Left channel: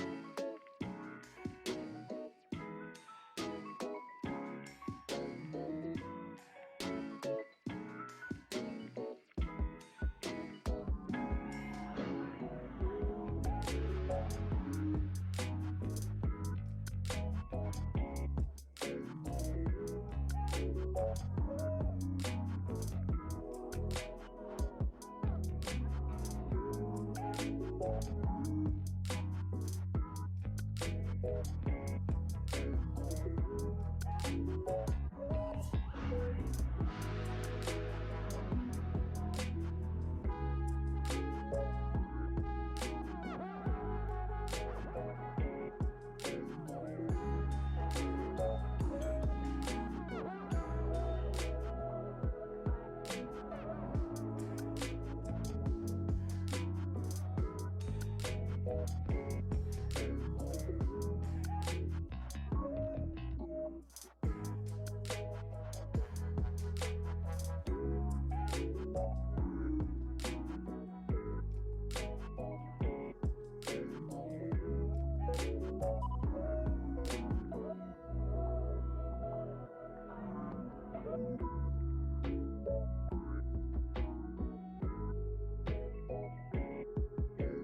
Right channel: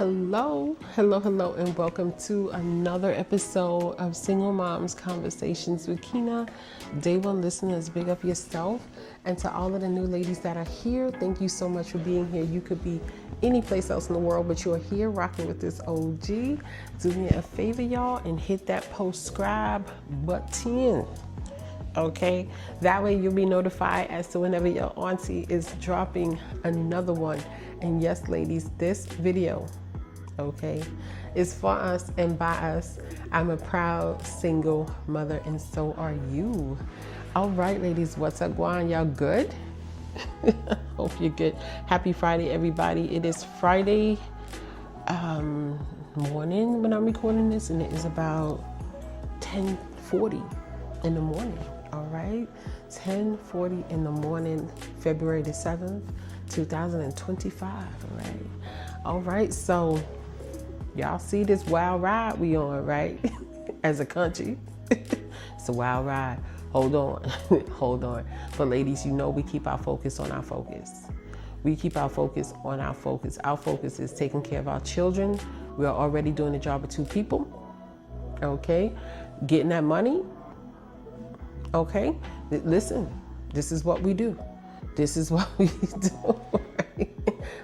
Hello, and welcome to another episode of Single Moms Conversations with Kina. Day one listeners, big up yourself. And to all of the new ladies that are here, thank you so much for being here. You could be any place else in the world, but you're here rocking with this OG. Do me a favor, y'all, and hit that subscribe button. Okay, that way you'll be notified as to whenever your auntie is dropping another one. And yes, ladies, this video, okay, is for us and by us. I'm a proud single mother, and so are you. All right, ladies, what's up, Guan? Y'all good? Hope you're good. Happy Friday, everybody. It is Friday morning when I'm recording this, and it is about 10:40 in the morning. All right, 10:40 in the morning, February the 7th, 2025. All right, so y'all see this wild ride we on, right? As a country, it's a wild ride. Hold on. But ladies, you know we keep our focus on our focus. We keep our focus on our focus. Our focus is taking care of our children. We are already doing the job of two people. Okay, getting that money. Okay, listen, this is what we do. This is what we do. Right?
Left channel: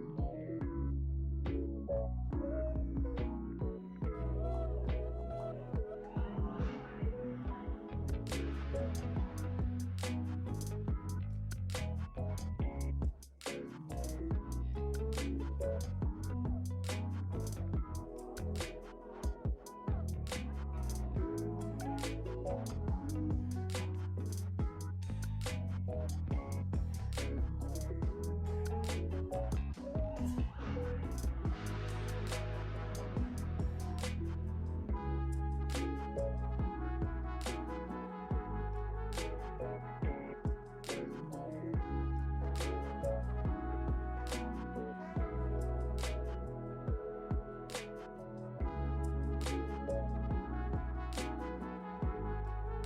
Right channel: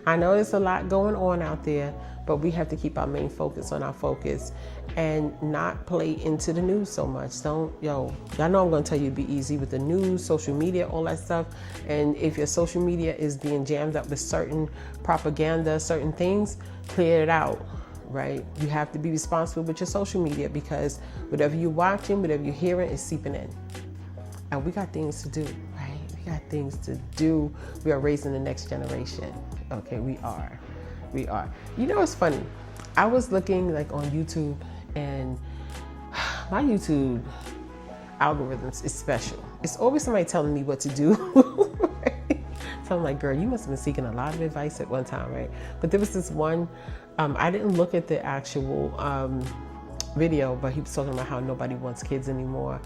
I know there's a lot going on out there, but we have to keep our main focus on our focus and not play into the news so much. Y'all know I'm going to tell you to be easy with the news, social media, all that stuff. And if your social media is being jammed up with certain propaganda, certain things, clear it out. Right? You have to be responsible with your social media, because whatever you're watching, whatever you're hearing is seeping in. And we got things to do, right? We got things to do. We are raising the next generation. Okay, we are. You know, it's funny. I was looking like on YouTube, and my YouTube algorithms is special. It's always somebody telling me what to do. Right? So I'm like, girl, you must have been seeking a lot of advice at one time, right? But there was this one, I didn't look at the actual video, but he was talking about how nobody wants kids anymore.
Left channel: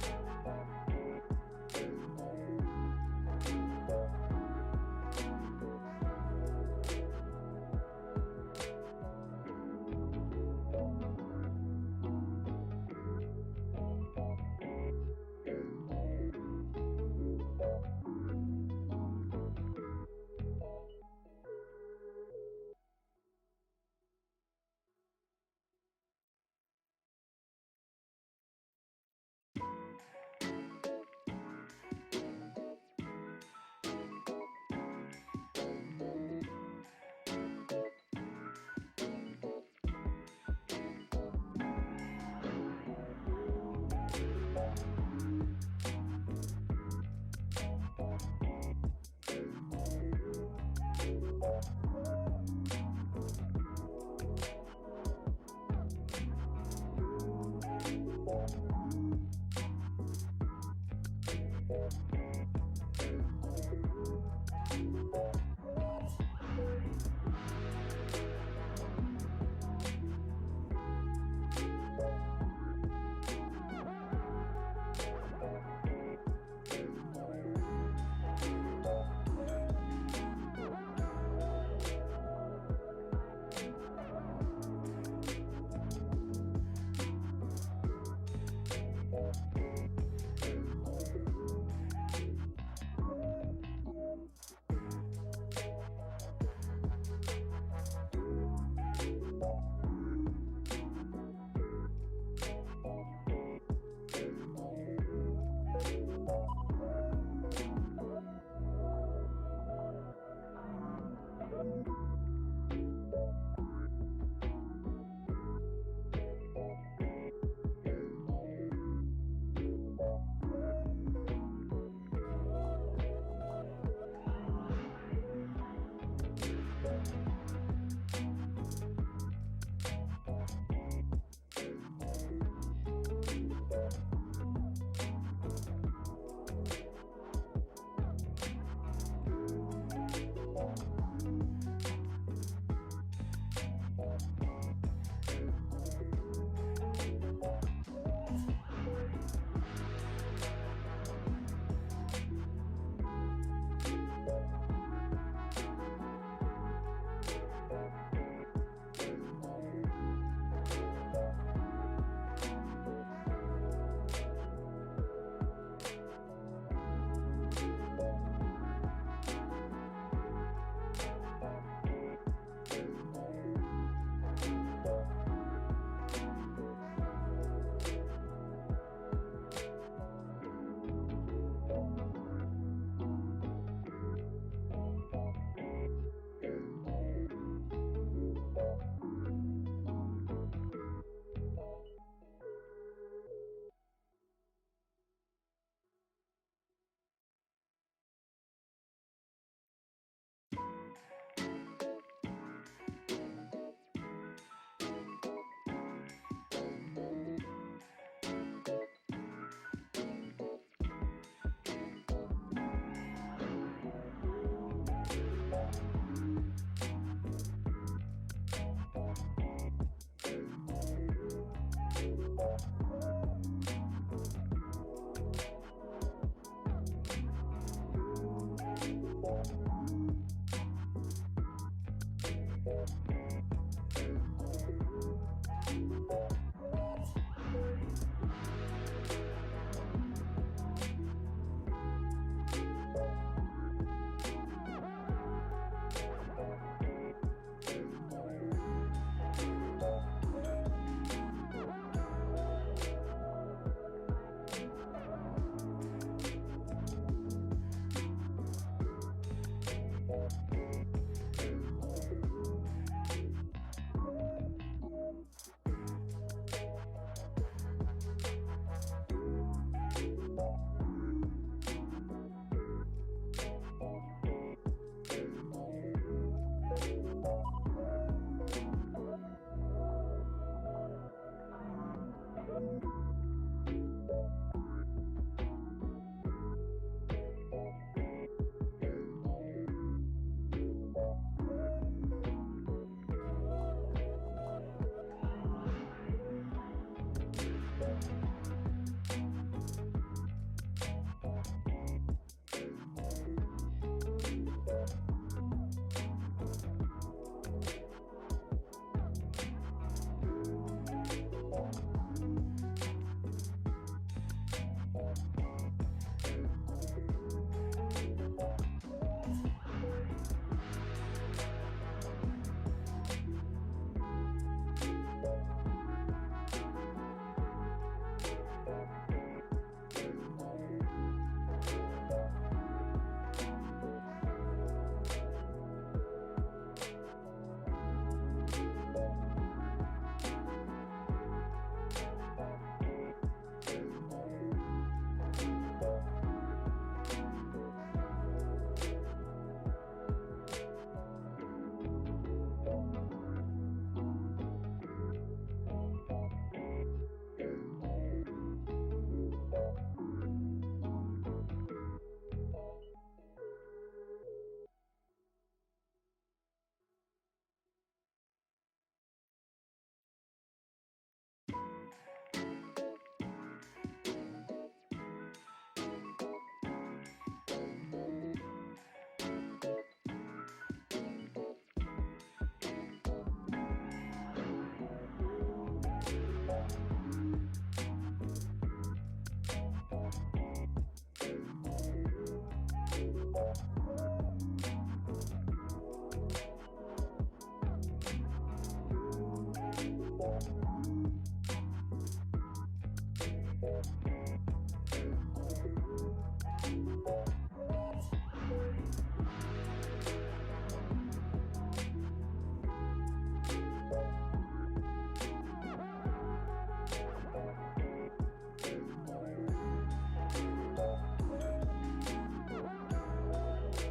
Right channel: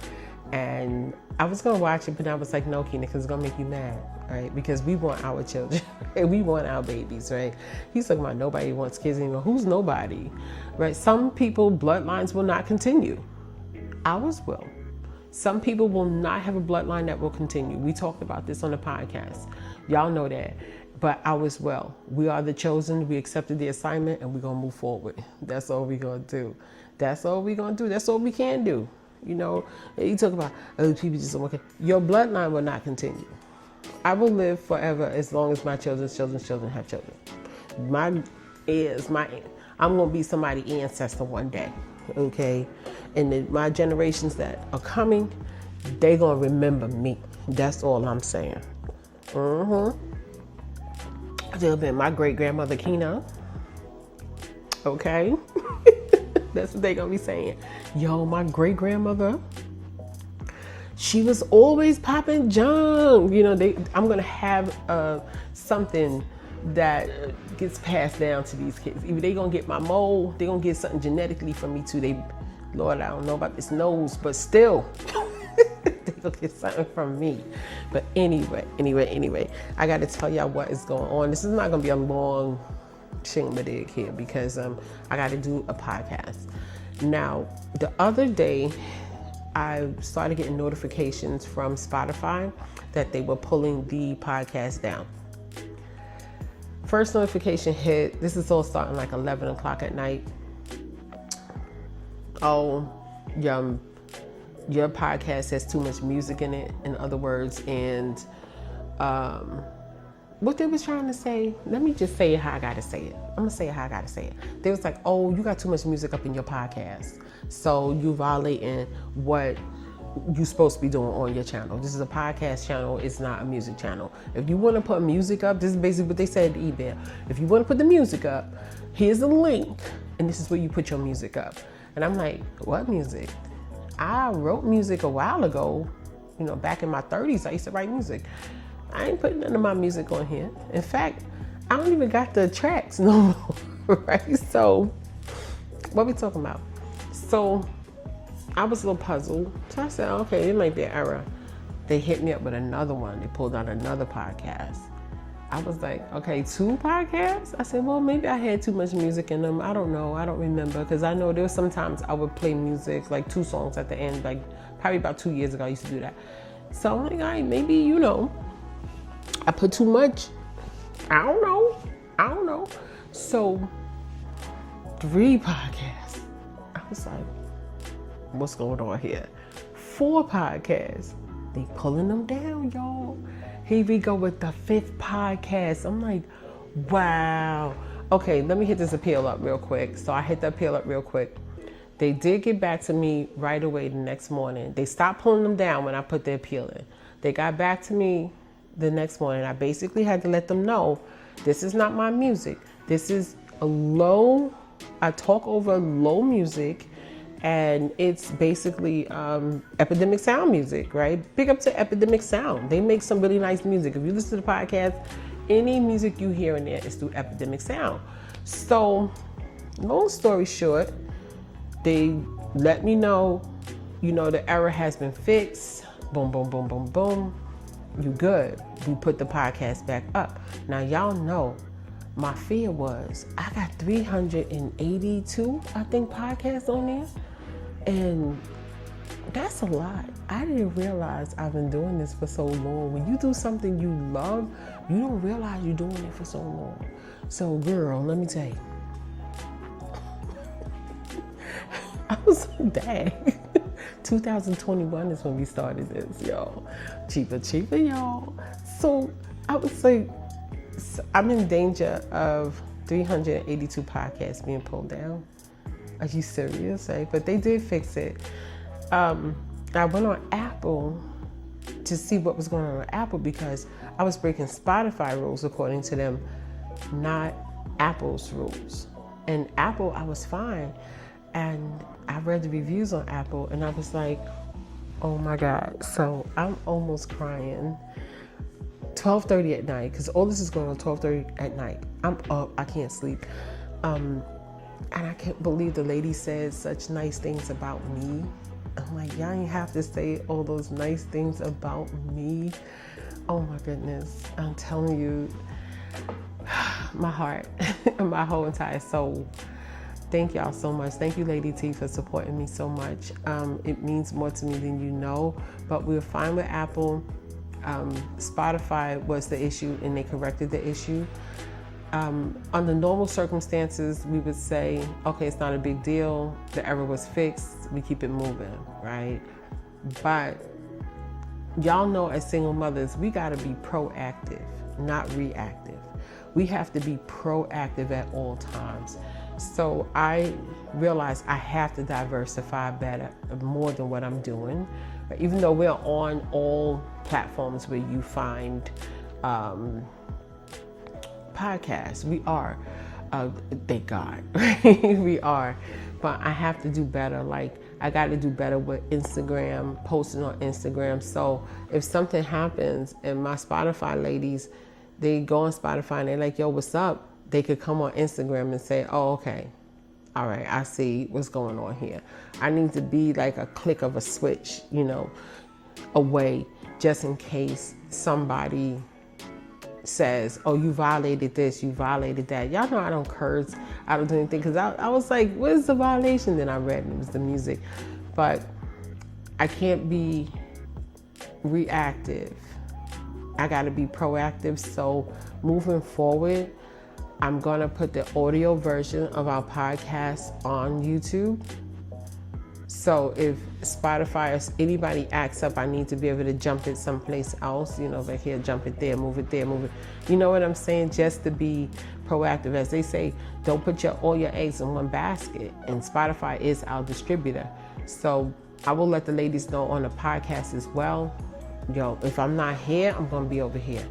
And I was going to watch it, but I was like, no, Kina, because it's going to make you mad, right? Because we want our children, and we want our babies, right? He's talking about nobody wants kids anymore. Who's nobody, right? Some people, bloodlines will not continue. Ours will. Some people will not have a bloodline that will continue. We talked about this on the podcast. Y'all know that. But ours will. We are the chosen. We accepted the assignment, and we're going to move forward. That's all we're going to do. That's all we're going to do. That's all we can do. You know, you talk about other people just don't want to. Your bloodline will not continue. I will live forever as long as my children's children have children. I'm going to be somebody's ancestor one day, okay? And then my generations that are coming, they're going to remember me. That's all I'm saying. They'll be my great-grandmother Kina, okay? That's what they're going to be saying. Yo, my great-grandmother, she was always popping junk. You know, I'm going to have something that gets passed down to these kids. Either they're going to get my mold, they're going to get something genetically from me too. Lord, I don't know about this nose, but still, they're going to get something from me. But anyway, I got to tell y'all what is going on. This is not going to be a long shingadig here, because I got to do a podcast. Now, the other day, I started getting notifications from Spotify that they were pulling the podcast down. First notification hit. This is all starting like 11 o'clock at night. Oh, your podcast has too much music in it, in other words, and what they was trying to say, let me just say it how I gotta say it. I'm gonna say it how I gotta say it. They was like, oh, you got too much music up in your podcast, so you violating what you supposed to be doing on your channel. This is a podcast channel, it's not a music channel. If you wanna put music up, this is basically what they said in the email. If you wanna put the music up, here's a link, and this is where you put your music up. And I'm like, what music? I wrote music a while ago, you know, back in my 30s, I used to write music. I ain't putting none of my music on here. In fact, I don't even got the tracks no more, right? So, what we talking about? So, I was a little puzzled. So I said, okay, it might be an error. They hit me up with another one. They pulled out another podcast. I was like, okay, 2 podcasts? I said, well, maybe I had too much music in them. I don't know. I don't remember. Because I know there was sometimes I would play music, like 2 songs at the end. Like probably about 2 years ago, I used to do that. So I'm like, all right, maybe, I put too much. I don't know. So 3 podcasts. I was like, what's going on here? 4 podcasts. They pulling them down, y'all. Here we go with the 5th podcast. I'm like, wow. Okay, let me hit this appeal up real quick. So I hit the appeal up real quick. They did get back to me right away the next morning. They stopped pulling them down when I put the appeal in. They got back to me the next morning. I basically had to let them know, this is not my music. This is I talk over low music, and it's basically Epidemic Sound music, right? Big up to Epidemic Sound. They make some really nice music. If you listen to the podcast, any music you hear in there is through Epidemic Sound. So, long story short, they let me know, the error has been fixed. Boom, boom, boom, boom, boom. You good. We put the podcast back up. Now, y'all know, my fear was, I got 382, I think, podcasts on there. And that's a lot. I didn't realize I've been doing this for so long. When you do something you love, you don't realize you're doing it for so long. So, girl, let me tell you. I was like, dang. 2021 is when we started this, y'all. Cheaper, y'all. So, I was like, I'm in danger of 382 podcasts being pulled down. Are you serious? But they did fix it. I went on Apple to see what was going on with Apple because I was breaking Spotify rules according to them, not Apple's rules. And Apple, I was fine. And I read the reviews on Apple and I was like, oh my God. So I'm almost crying. 12:30 at night, because all this is going on 12:30 at night. I'm up, I can't sleep. And I can't believe the lady said such nice things about me. I'm like, y'all ain't have to say all those nice things about me. Oh my goodness. I'm telling you, my heart and my whole entire soul. Thank y'all so much. Thank you, Lady T, for supporting me so much. It means more to me than you know, but we're fine with Apple. Spotify was the issue and they corrected the issue. Under normal circumstances, we would say, okay, it's not a big deal. The error was fixed. We keep it moving, right? But y'all know as single mothers, we got to be proactive, not reactive. We have to be proactive at all times. So I realized I have to diversify better, more than what I'm doing. Even though we're on all platforms where you find podcasts, we are. Thank God, we are. But I have to do better. Like, I got to do better with Instagram, posting on Instagram. So if something happens and my Spotify ladies, they go on Spotify and they're like, yo, what's up? They could come on Instagram and say, oh, okay. All right, I see what's going on here. I need to be like a click of a switch, away, just in case somebody says, oh, you violated this, you violated that. Y'all know I don't curse, I don't do anything, because I was like, what is the violation? Then I read it was the music. But I can't be reactive. I got to be proactive. So moving forward, I'm going to put the audio version of our podcast on YouTube. So if Spotify or anybody acts up, I need to be able to jump it someplace else, like here, jump it there, move it there, move it. You know what I'm saying? Just to be proactive. As they say, don't put all your eggs in one basket. And Spotify is our distributor. So I will let the ladies know on the podcast as well. Yo, if I'm not here, I'm going to be over here.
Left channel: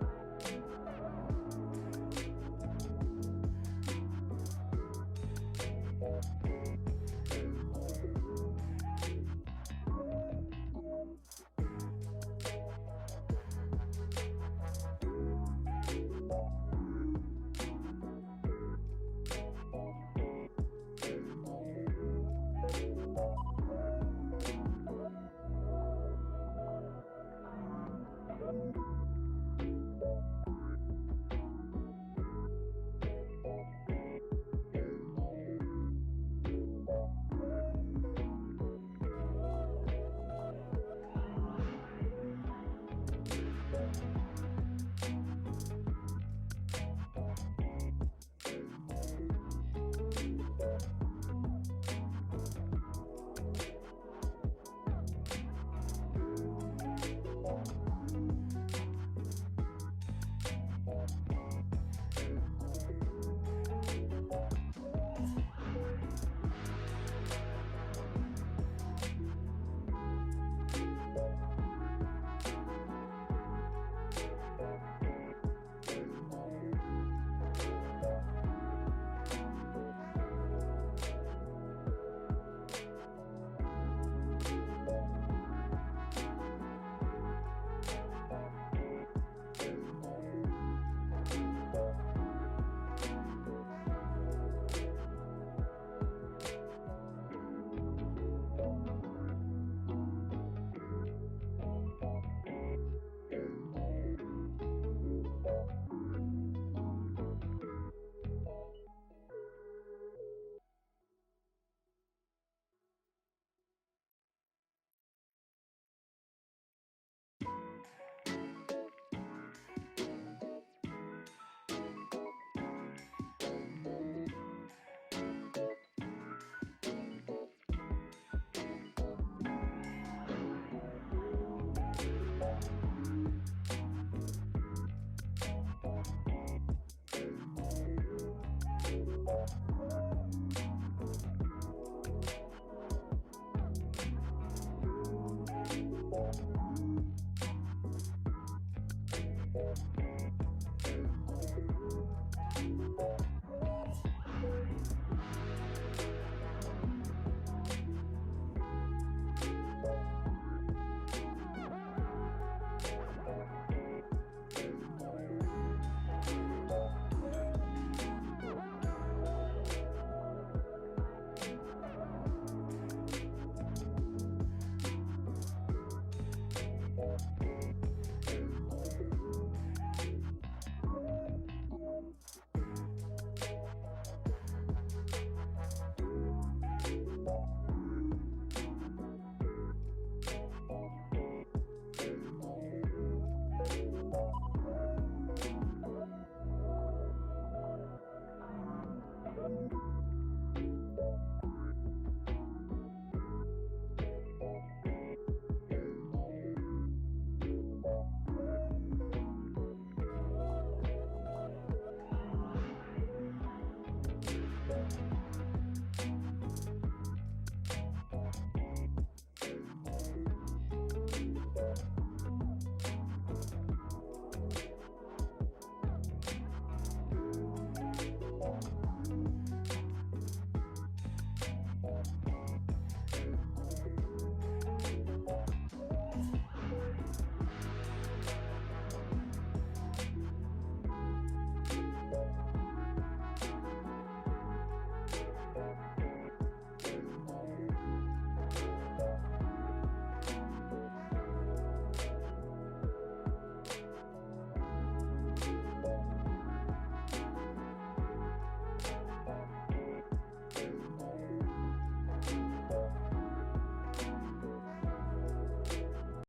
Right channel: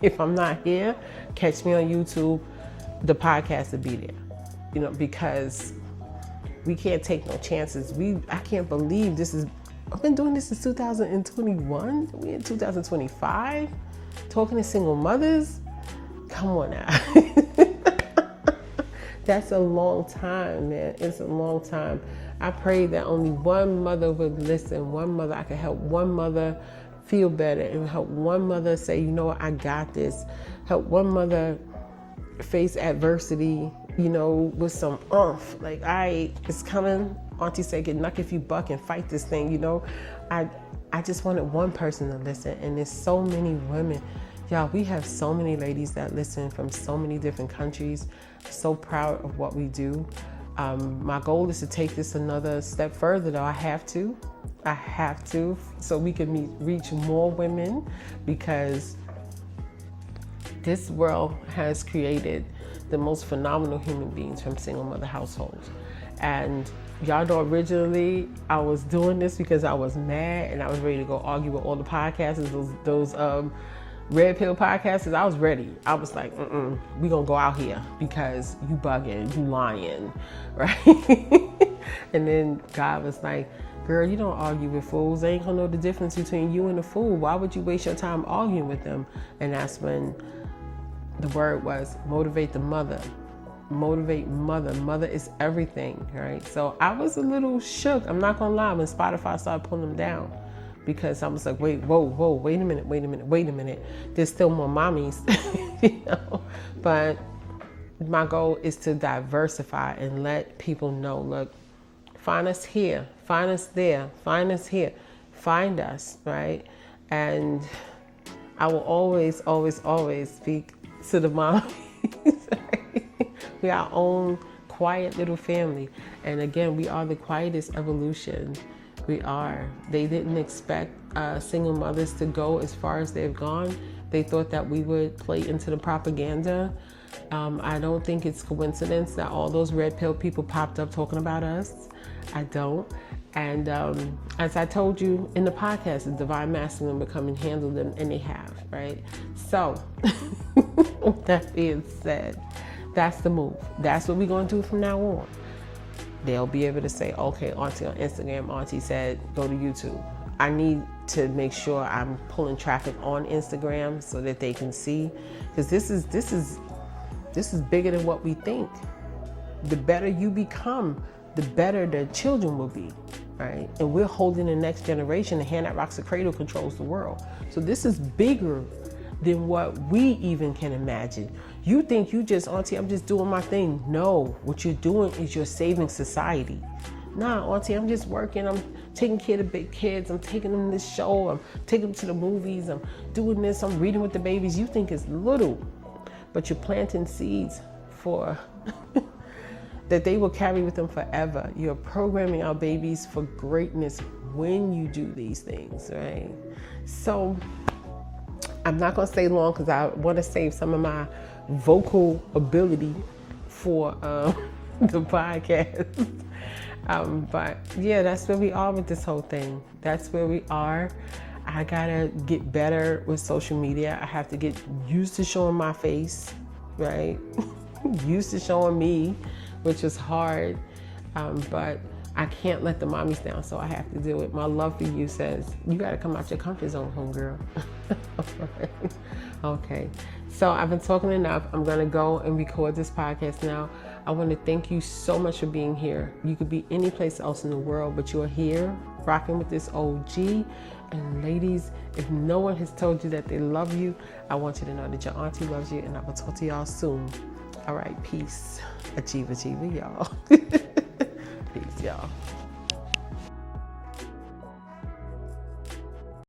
If I'm not here, catch me on YouTube. The podcast will be there, because we can't take no chances. I can't believe I've been doing this since 2021. We're in 2025, talking to single mothers. Come on now. That's a long time, man. It's a long time. I pray that only one mother would listen. One mother, I could help one mother feel better and help one mother say, you know what, I got this. Help one mother face adversity, you know, with some oomph. Like, it's coming. Auntie said, get knuck if you buck and fight this thing, you know. I just wanted one person to listen, and there's so many women. Y'all, we have so many ladies that listen from so many different countries. So proud of what we do. My goal is to take this another step further, though. I have to, so we can reach more women, because this world has created the most phenomenal human beings from single mother households. And y'all know, originally I was doing this because I was mad and I was ready to go argue with all the podcasters, those red pill podcasters. I was ready. I was like, we gonna go out here because you bugging, you lying, right? And then God was like, girl, you don't argue with fools. They ain't gonna know the difference between you and a fool. Why would you waste your time arguing with them? And that's when the word was motivate the mother. Motivate mother. Mother is everything, right? So I was a little shook. I'm not gonna lie, when Spotify started pulling them down, because I was like, wait a minute. There's still more mommies, you know? But my goal is to diversify and let people know, look, find us here, find us there, find us here, find us, right? And I will always speak to the mommies. We are our own quiet little family. And again, we are the quietest evolution. We are. They didn't expect single mothers to go as far as they've gone. They thought that we would play into the propaganda. I don't think it's coincidence that all those red pill people popped up talking about us. I don't. And as I told you in the podcast, the divine masculine will come and handle them, and they have, right? So, that being said, that's the move. That's what we're going to do from now on. They'll be able to say, okay, Auntie on Instagram, Auntie said, go to YouTube. I need to make sure I'm pulling traffic on Instagram so that they can see, because this is bigger than what we think. The better you become, the better the children will be, right? And we're holding the next generation. The hand that rocks the cradle controls the world. So this is bigger than what we even can imagine. You think you just, Auntie, I'm just doing my thing. No, what you're doing is you're saving society. Nah, Auntie, I'm just working. I'm taking care of the big kids. I'm taking them to this show. I'm taking them to the movies. I'm doing this. I'm reading with the babies. You think it's little, but you're planting seeds for that they will carry with them forever. You're programming our babies for greatness when you do these things, right? So I'm not going to stay long because I want to save some of my vocal ability for the podcast. But yeah, that's where we are with this whole thing. That's where we are. I gotta get better with social media. I have to get used to showing my face, right? Used to showing me, which is hard. But I can't let the mommies down, so I have to do it. My love for you says, you gotta come out your comfort zone, homegirl. Okay, so I've been talking enough. I'm gonna go and record this podcast now. I want to thank you so much for being here. You could be any place else in the world, but you're here rocking with this OG. And ladies, if no one has told you that they love you, I want you to know that your auntie loves you, and I will talk to y'all soon. All right, peace. Achieve, y'all. Peace, y'all.